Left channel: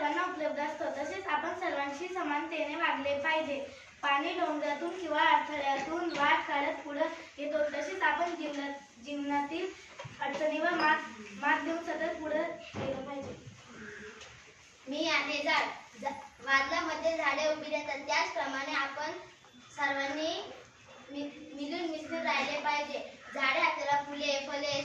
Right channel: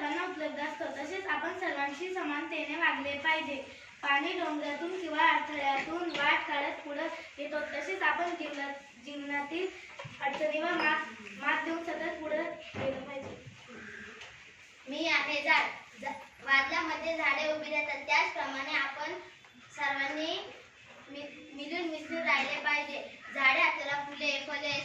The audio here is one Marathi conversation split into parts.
सर्वांना उपलब्ध असतो. तसेच आपण सर्वांशी समानतेने वागले पाहिजे. पाणी डोंगरातून किंवा अडथळ्यातून वाट काढत पुढे येतो. तसेच आपण जीवनात जीवनातील अडचणीवर मात मात देऊन सतत पुढे गेलं पाहिजे. मी आहे झाड झा- झाडे उभी राहतात. त्याचप्रमाणे आपण सर्वांनी मिलून मिसळून राहिले पाहिजे. झाडे आपल्याला फुले फले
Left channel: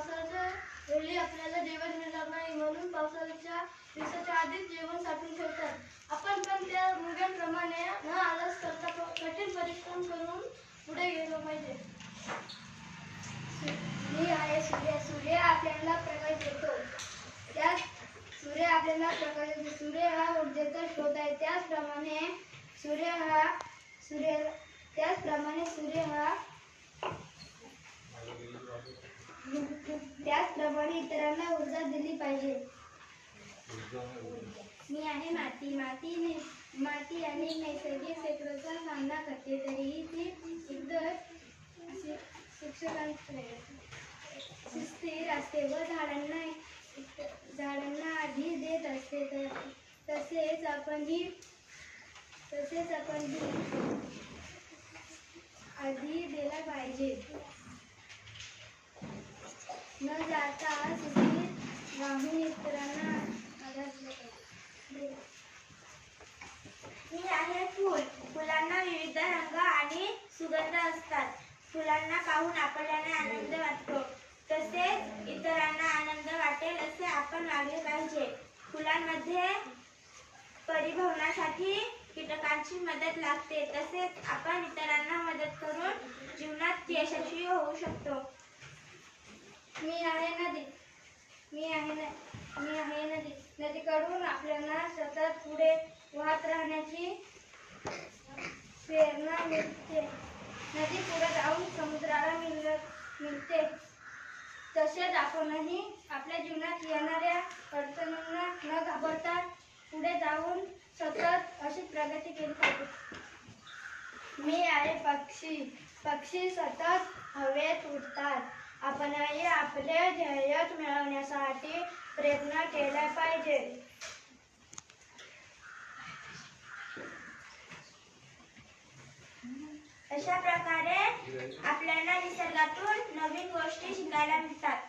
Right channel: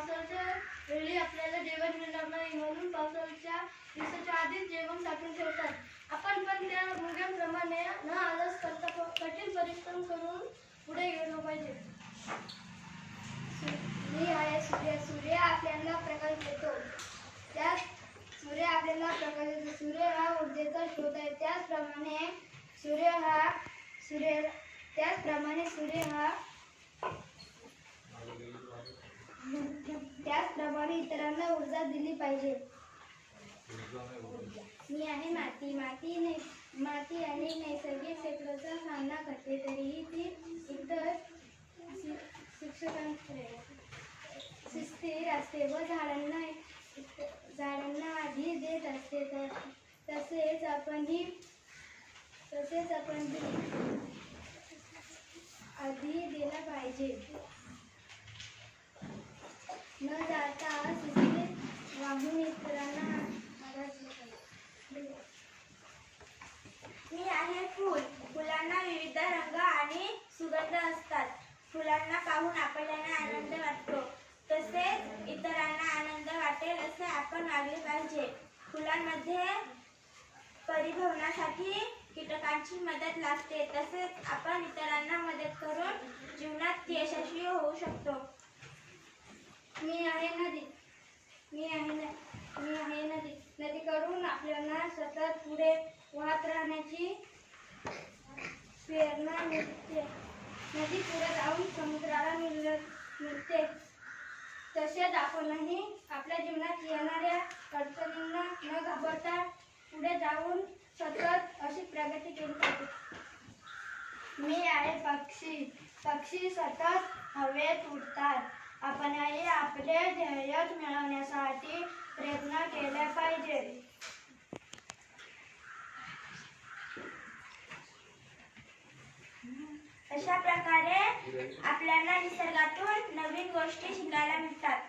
पावसाच्या वेळी आपल्याला जेवण मिळणार नाही म्हणून पावसाच्या दिवसाच्या आधीच जेवण साठवून ठेवतात. आपण पण त्या मुलांप्रमाणे न आलस करता कठीण परिश्रम करून पुढे गेलं पाहिजे. मी आहे सूर्य सूर्य आपल्याला प्रकाश देतो. त्या सूर्य आपल्याला प्रकाश देतो. सूर्य हा ऊर्जेचा स्रोत आहे. त्याचप्रमाणे सूर्य हा सूर्य त्याचप्रमाणे सूर्य हा त्याचप्रमाणे इतरांना ऊर्जा दिली पाहिजे. मी आहे माती. माती नै माती अनेक नैसर्गिक क्षेत्राचा सामना करते. तरीही ती इतर शिक्षकांकडे स्थिर असते व झाडांना झाडांना आधी देत असते. तर तसेच आपणही तसेच आपणही आधी दिला पाहिजे न जाता शिस्तीत राहून इतरांना आधार दिला पाहिजे. मी आहे फूल फुलांना विविध रंग आणि सुगंध असतात. फुलांना पाहून आपल्याला आनंद वाटतो. तसेच इतरांना आनंद वाटेल असे आपण वागले पाहिजे. फुलांमध्ये परिभवनासाठी कीटकांची मदत लागते. तसेच आपण इतरांना मदत करून जीवनात यशस्वी होऊ शकतो. मी आहे नदी. मी आहे मी आहे नदी. नदीकडून आपल्याला सतत पुढे वाहत राहण्याची प्रेरणा मिळते. नदी पुढे जाऊन समुद्राला मिळ मिळते. तसेच आपणही आपल्या जीवनात येणाऱ्या अडचणींना न घाबरता पुढे जाऊन सतत अशी प्रगती केली पाहिजे. मी आहे पक्षी. पक्षी सतत हवेत उडतात. आपणही आपले ध्येय मिळवण्यासाठी प्रयत्न केला पाहिजे. अशा प्रकारे आपल्याला निसर्गातून नवीन गोष्टी शिकायला मिळतात.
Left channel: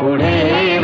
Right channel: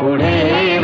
पुणे